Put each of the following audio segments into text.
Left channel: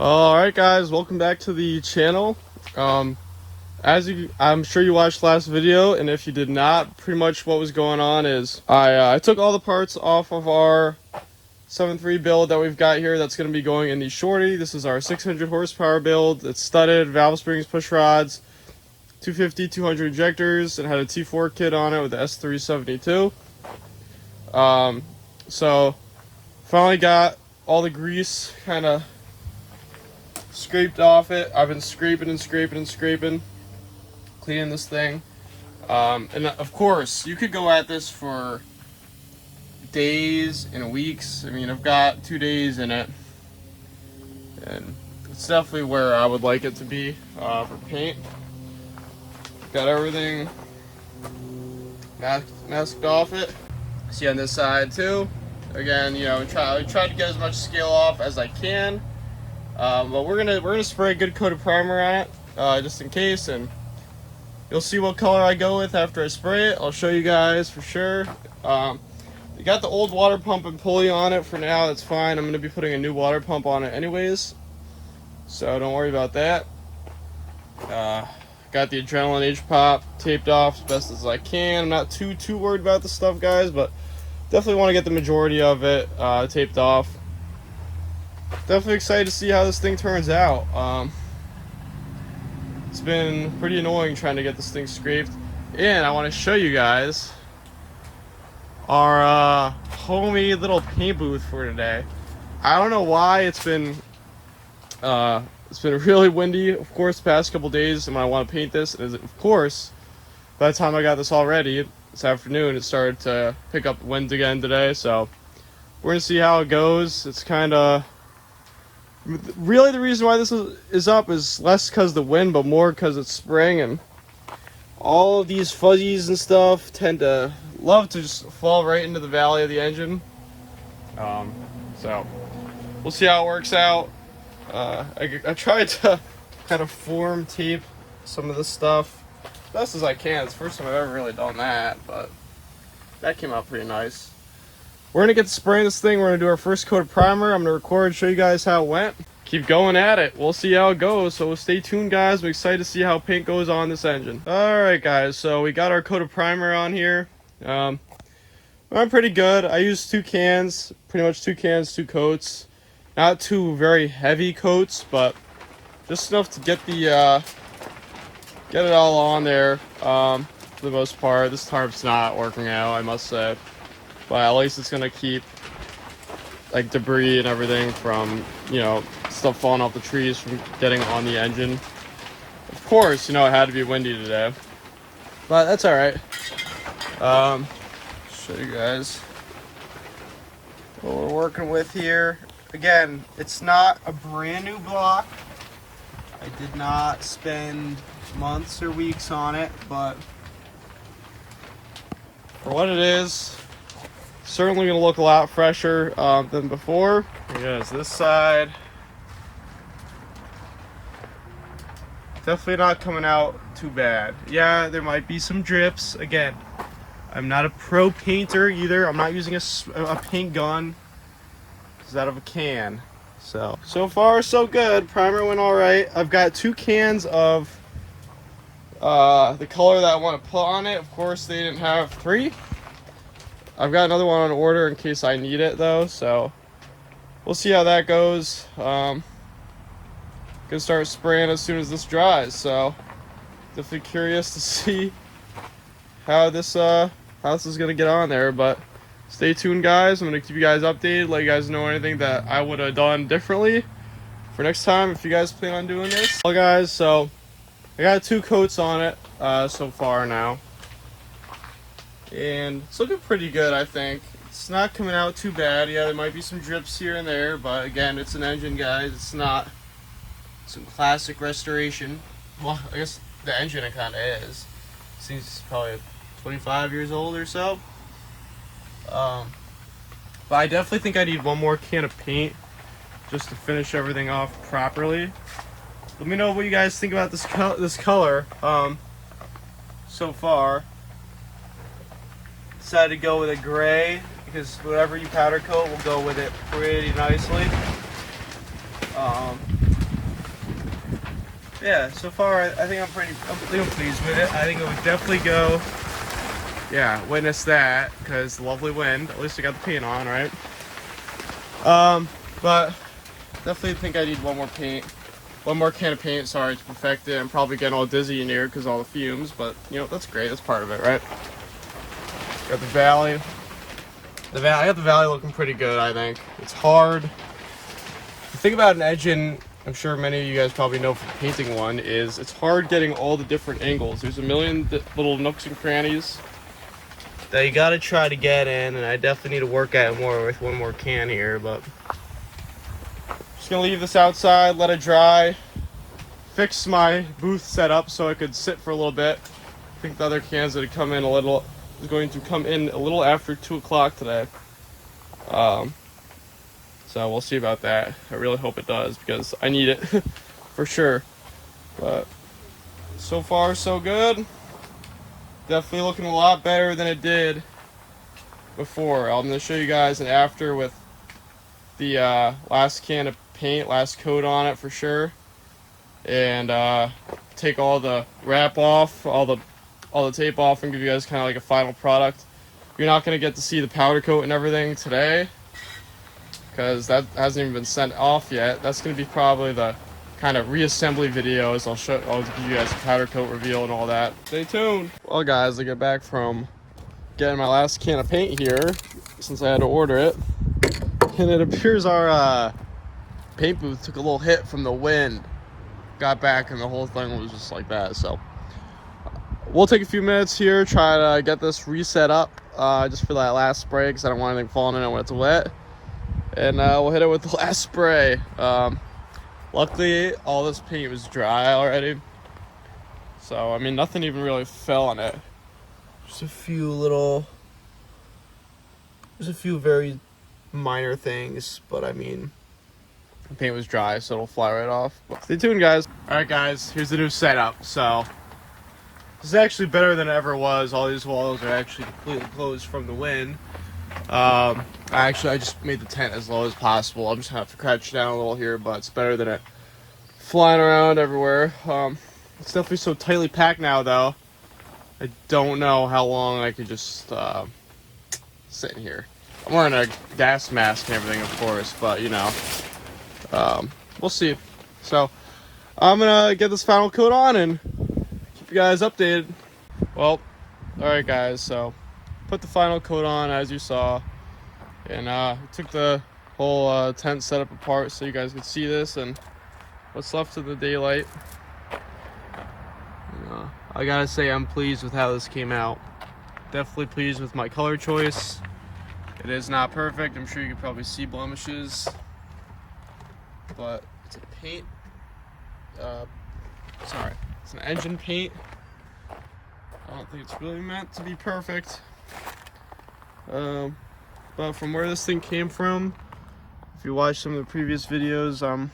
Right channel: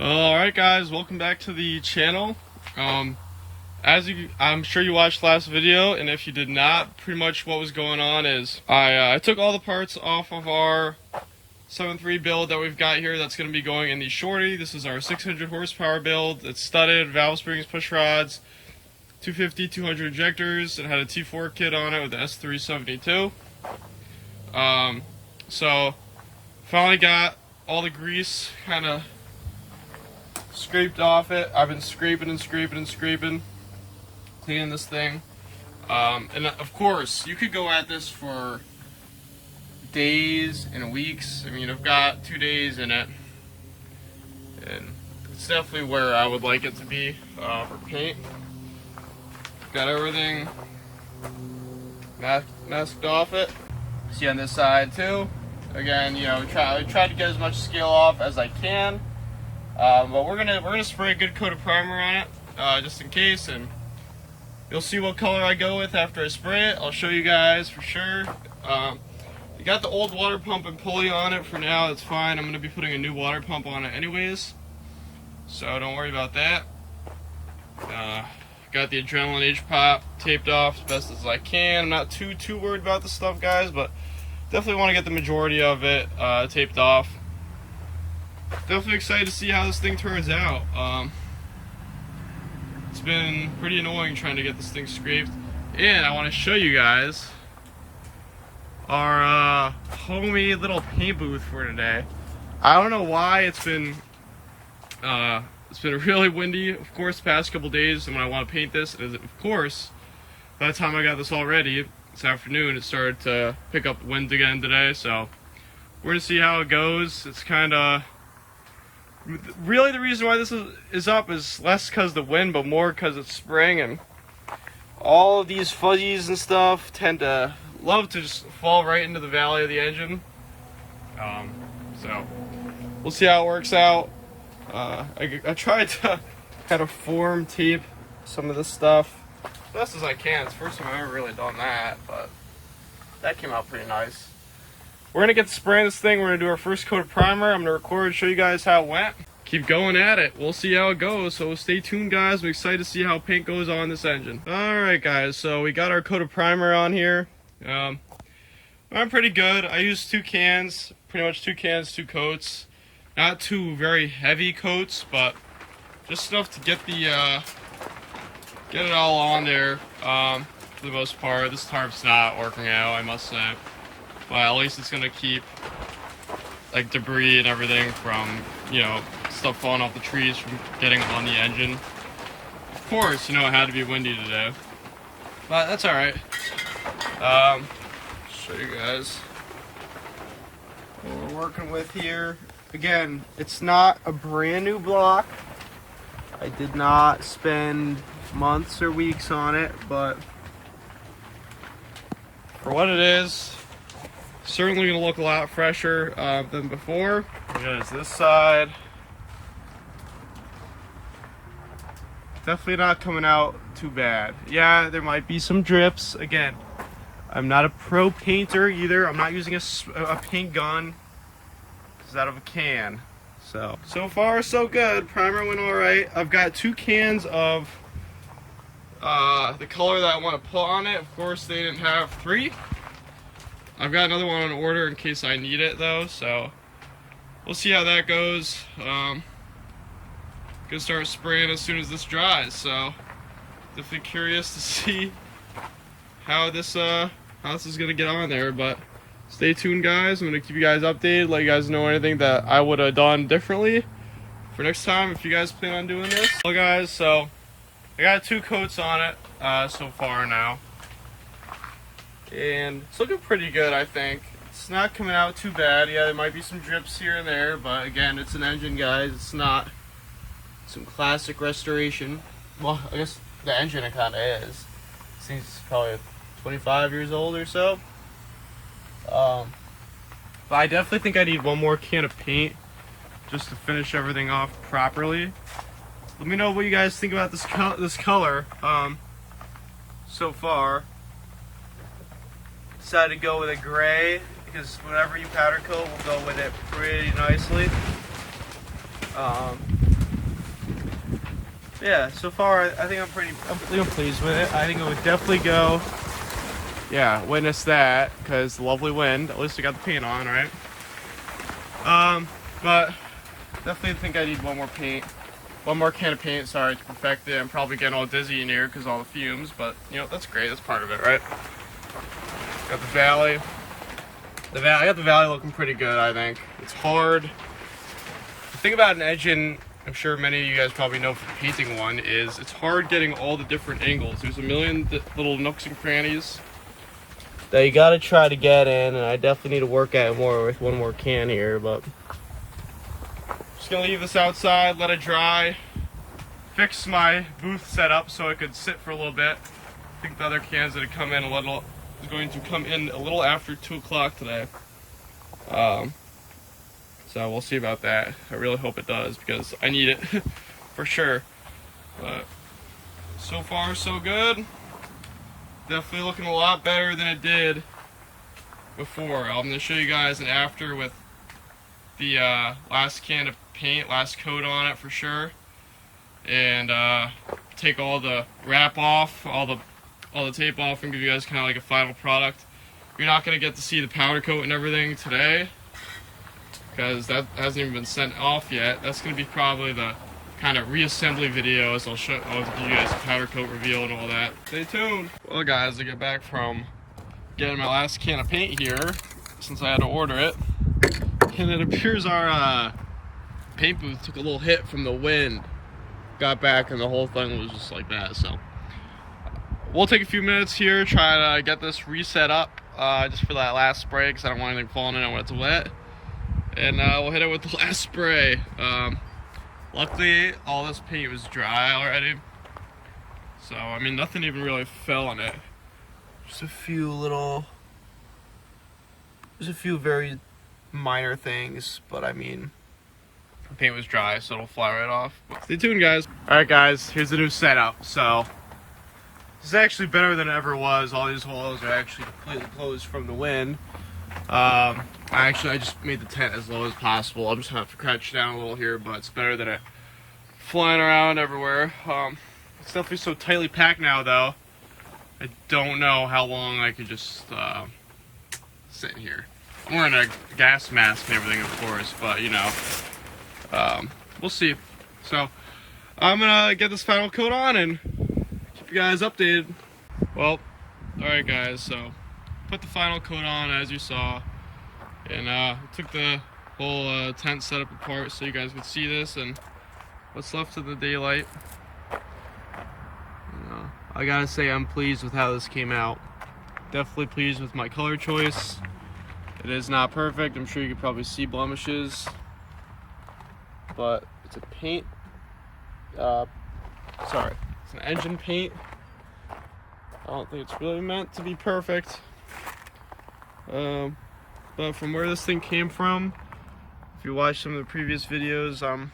Alright guys, welcome back to the channel. I'm sure you watched last video, and if you did not, pretty much what was going on is I took all the parts off of our 7.3 build that we've got here that's going to be going in the shorty. This is our 600 horsepower build. It's studded, valve springs, push rods, 250, 200 injectors, and had a T4 kit on it with the S372. So finally got all the grease kind of scraped off it. I've been scraping and scraping and scraping, cleaning this thing. And of course, you could go at this for days and weeks. I mean, I've got 2 days in it, and it's definitely where I would like it to be for paint. Got everything masked off it. See on this side too. Again, you know, I try to get as much scale off as I can. But we're gonna spray a good coat of primer on it, just in case, and you'll see what color I go with after I spray it. I'll show you guys for sure. You got the old water pump and pulley on it for now. That's fine. I'm gonna be putting a new water pump on it anyways, so don't worry about that. Got the adrenaline hpop taped off as best as I can. I'm not too worried about the stuff, guys, but definitely want to get the majority of it taped off. Definitely excited to see how this thing turns out. It's been pretty annoying trying to get this thing scraped, and I want to show you guys our homemade little paint booth for today. I don't know why it's been really windy, of course, the past couple days, and when I want to paint this, of course, by the time I got this all ready this afternoon, it started to pick up wind again today. So we're gonna see how it goes. It's kind of really, the reason why this is up is less because of the wind, but more because it's spring, and all of these fuzzies and stuff tend to love to just fall right into the valley of the engine. So we'll see how it works out. I tried to kind of form tape some of this stuff best as I can. It's the first time I've ever really done that, but that came out pretty nice. We're gonna get to spraying this thing. We're gonna do our first coat of primer. I'm gonna record and show you guys how it went. Keep going at it. We'll see how it goes. So stay tuned, guys. I'm excited to see how paint goes on this engine. All right, guys. So we got our coat of primer on here. Went pretty good. I used 2 cans, pretty much 2 cans, 2 coats. Not 2 very heavy coats, but just enough to get the get it all on there. For the most part, this tarp's not working out, I must say. But at least it's gonna keep like debris and everything from, you know, stuff falling off the trees from getting on the engine. Of course, you know, it had to be windy today, but that's all right. Show you guys what we're working with here. Again, it's not a brand new block. I did not spend months or weeks on it, but for what it is, certainly gonna look a lot fresher than before. Here's this side. Definitely not coming out too bad. Yeah, there might be some drips. Again, I'm not a pro painter either. I'm not using a paint gun. It's out of a can. So far so good. Primer went all right. I've got 2 cans of the color that I want to put on it. Of course, they didn't have 3. I've got another one on order in case I need it though, so we'll see how that goes. Gonna start spraying as soon as this dries, so definitely curious to see how this is gonna get on there. But stay tuned, guys. I'm gonna keep you guys updated, let you guys know anything that I would have done differently for next time if you guys plan on doing this. Well, guys, so I got 2 coats on it so far now, and it's looking pretty good. I think it's not coming out too bad. Yeah, there might be some drips here and there, but again, it's an engine, guys. It's not some classic restoration. Well, I guess the engine, it kind of is. Seems probably 25 years old or so. But I definitely think I need one more can of paint just to finish everything off properly. Let me know what you guys think about this color so far. Decided to go with a gray because whatever you powder coat will go with it pretty nicely. yeah, so far I think I'm pleased with it. I think it would definitely go. Yeah, witness that, because the lovely wind. At least I got the paint on, right? But definitely think I need one more can of paint, sorry, to perfect it. I'm probably getting a little dizzy in here because all the fumes, but you know, that's great, that's part of it, right? Got the valley. I got the valley looking pretty good, I think. It's hard. The thing about an engine, I'm sure many of you guys probably know from painting one, is it's hard getting all the different angles. There's a million little nooks and crannies that you gotta try to get in, and I definitely need to work at it more with one more can here, but just gonna leave this outside, let it dry, fix my booth setup so it could sit for a little bit. I think the other cans that come in is going to come in a little after 2 o'clock today. So we'll see about that. I really hope it does because I need it for sure. But so far so good. Definitely looking a lot better than it did before. I'm gonna show you guys an after with the last can of paint, last coat on it for sure, and take all the wrap off, all the tape off, and give you guys kind of like a final product. You're not gonna get to see the powder coat and everything today because that hasn't even been sent off yet. That's gonna be probably the kind of reassembly videos. I'll give you guys a powder coat reveal and all that. Stay tuned. Well guys, I get back from getting my last can of paint here since I had to order it, and it appears our paint booth took a little hit from the wind. Got back and the whole thing was just like that. So we'll take a few minutes here, try to get this reset up just for that last spray because I don't want anything falling in it when it's wet, and we'll hit it with the last spray. Luckily all this paint was dry already, so I mean nothing even really fell on it. Just a few very minor things, but I mean the paint was dry, so it'll fly right off. But stay tuned guys. Alright guys, here's the new setup. So this is actually better than it ever was. All these walls are actually completely closed from the wind. I just made the tent as low as possible. I'm just gonna have to crouch down a little here, but it's better than it flying around everywhere. It's definitely so tightly packed now though. I don't know how long I could just sit in here. I'm wearing a gas mask and everything, of course, but you know, we'll see. So I'm gonna get this final coat on and keep you guys updated. Well, alright guys, so put the final coat on as you saw, and took the whole tent setup apart so you guys could see this and what's left of the daylight. I gotta say I'm pleased with how this came out. Definitely pleased with my color choice. It is not perfect. I'm sure you can probably see blemishes, but it's a paint. It's an engine paint. I don't think it's really meant to be perfect. But from where this thing came from, if you watch some of the previous videos, I'm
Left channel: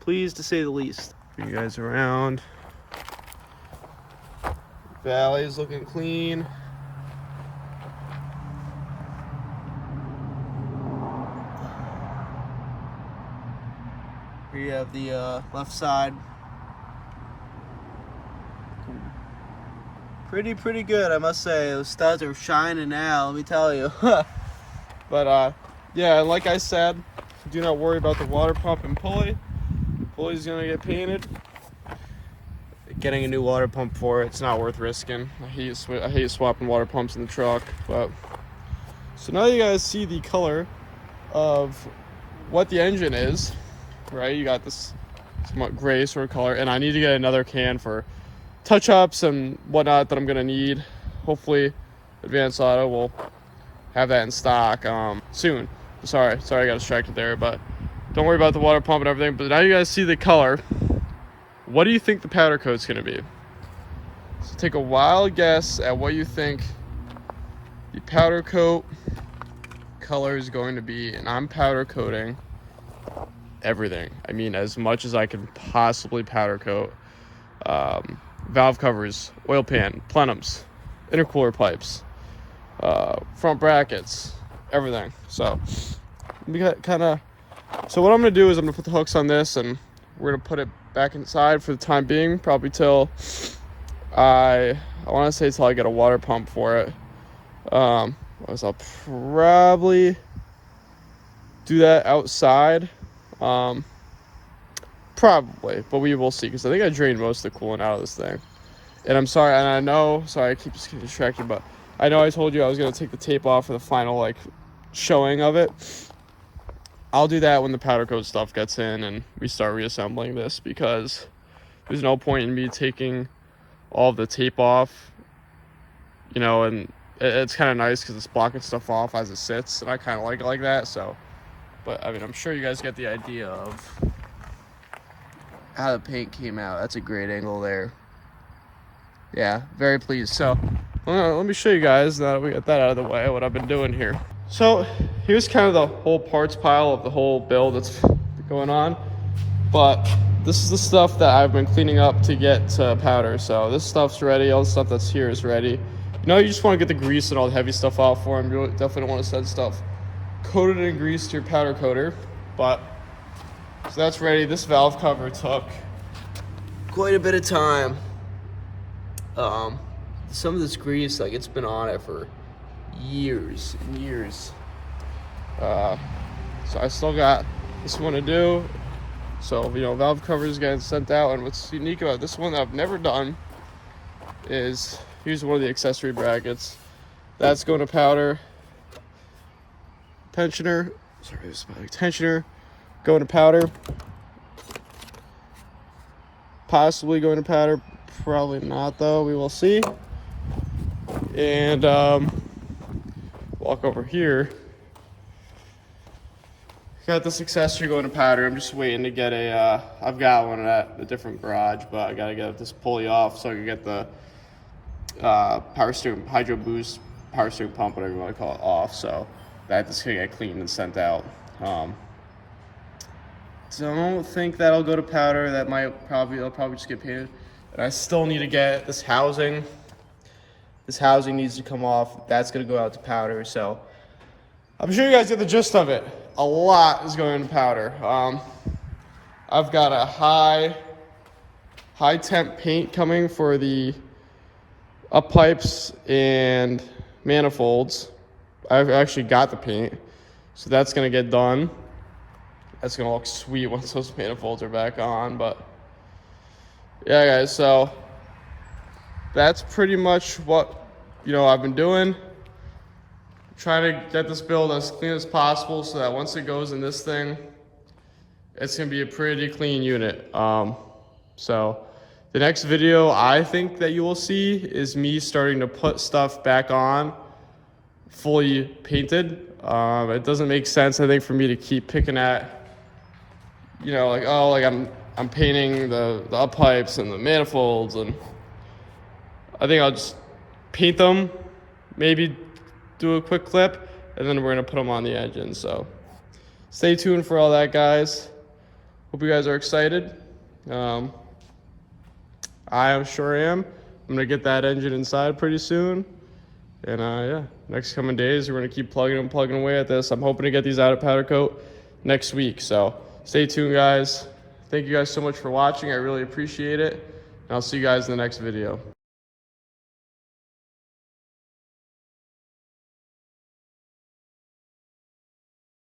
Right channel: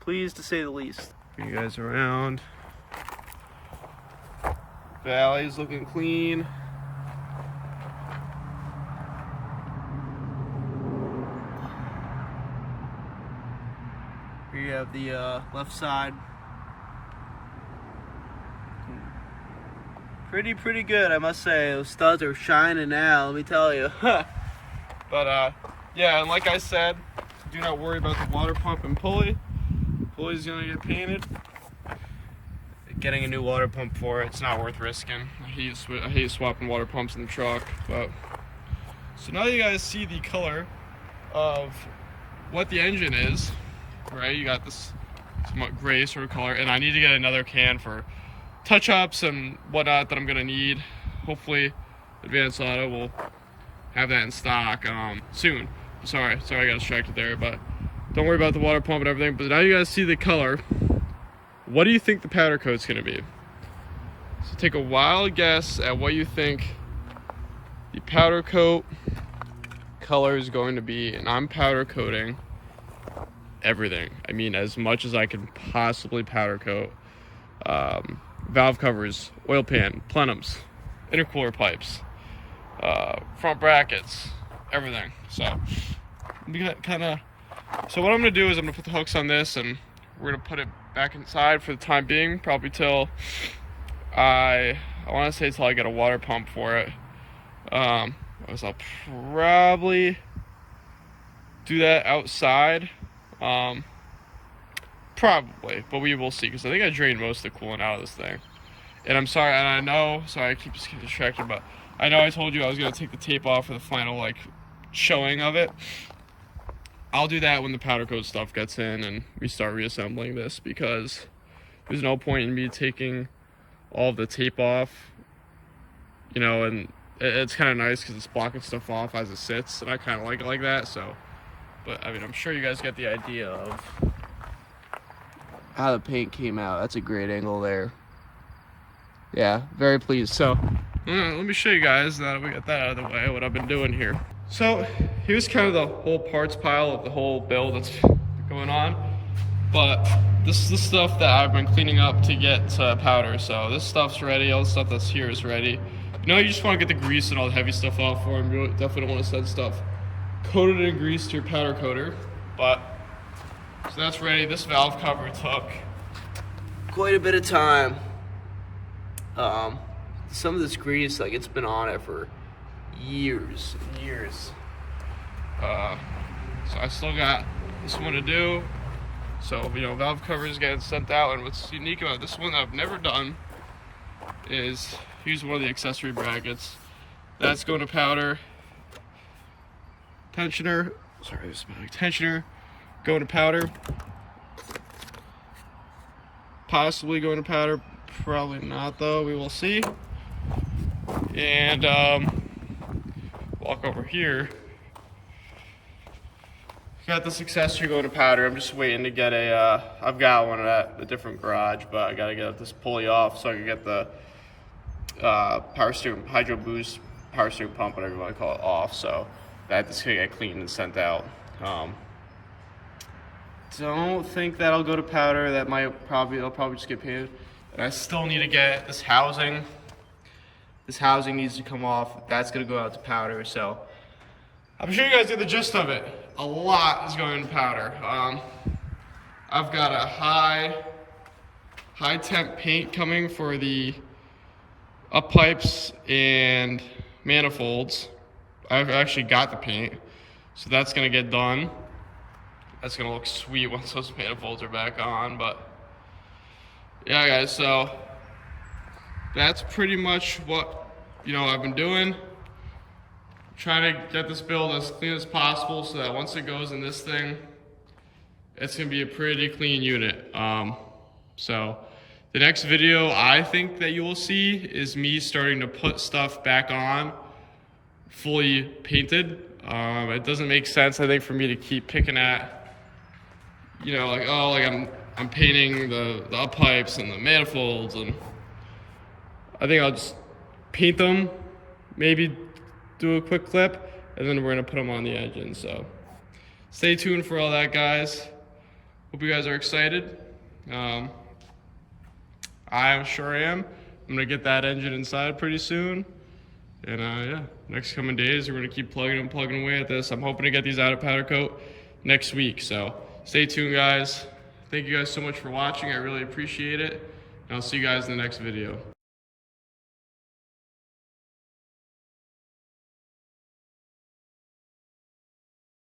pleased to say the least. Bring you guys around. Valley's looking clean. Here you have the left side. Pretty good, I must say. Those studs are shining now, let me tell you. But yeah, and like I said, do not worry about the water pump and pulley. Pulley's gonna get painted. Getting a new water pump for it, it's not worth risking. I hate swapping water pumps in the truck. But so now you guys see the color of what the engine is, right? You got this somewhat gray sort of color, and I need to get another can for touch-ups and whatnot that I'm gonna need. Hopefully Advanced Auto will have that in stock soon. Sorry I got distracted there, but don't worry about the water pump and everything. But now you guys see the color. What do you think the powder coat's gonna be? So take a wild guess at what you think the powder coat color is going to be, and I'm powder coating everything. I mean, as much as I can possibly powder coat. Valve covers, oil pan, plenums, intercooler pipes, front brackets, everything. So we got so what I'm gonna do is I'm gonna put the hooks on this and we're gonna put it back inside for the time being, probably till I want to say till I get a water pump for it. I'll probably do that outside, probably, but we will see, because I think I drained most of the coolant out of this thing. And I'm sorry, and I know, sorry, I keep distracted, but I know I told you I was gonna take the tape off for the final like showing of it. I'll do that when the powder coat stuff gets in and we start reassembling this, because there's no point in me taking all of the tape off, you know, and it's kind of nice because it's blocking stuff off as it sits, and I kind of like it like that. So, but I mean, I'm sure you guys get the idea of how the paint came out. That's a great angle there. Yeah, very pleased. So let me show you guys, that we got that out of the way, what I've been doing here. So here's kind of the whole parts pile of the whole build that's going on, but this is the stuff that I've been cleaning up to get to powder. So this stuff's ready, all the stuff that's here is ready. You know, you just want to get the grease and all the heavy stuff off for them. You definitely don't want to send stuff coated in grease to your powder coater. But so that's ready. This valve cover took quite a bit of time. Some of this grease, like, it's been on it for years and years. So I still got this one to do. So, you know, valve covers getting sent out, and what's unique about this one that I've never done is, here's one of the accessory brackets. That's going to powder. Tensioner, sorry, this is my tensioner going to powder. Possibly going to powder, probably not though, we will see. And walk over here. Got this accessory going to powder. I'm just waiting to get a, I've got one at a different garage, but I gotta get this pulley off so I can get the power steering, hydro boost, power steering pump, whatever you want to call it, off. So that's gonna get cleaned and sent out. Don't think that'll go to powder. That might probably, it'll probably just get painted. And I still need to get this housing. This housing needs to come off. That's gonna go out to powder. So I'm sure you guys get the gist of it. A lot is going to powder. I've got a high temp paint coming for the up pipes and manifolds. I've actually got the paint, so that's gonna get done. That's gonna look sweet once those manifolds are back on. But yeah, guys, so that's pretty much what, you know, I've been doing. Trying to get this build as clean as possible so that once it goes in this thing, it's gonna be a pretty clean unit. So the next video I think that you will see is me starting to put stuff back on fully painted. It doesn't make sense, I think, for me to keep picking at, you know, like, oh, like I'm painting the up pipes and the manifolds, and I think I'll just paint them, maybe do a quick clip, and then we're gonna put them on the engine. So stay tuned for all that, guys. Hope you guys are excited. I sure am. I'm gonna get that engine inside pretty soon. And yeah, next coming days, we're gonna keep plugging away at this. I'm hoping to get these out of powder coat next week. So stay tuned, guys. Thank you guys so much for watching. I really appreciate it. And I'll see you guys in the next video.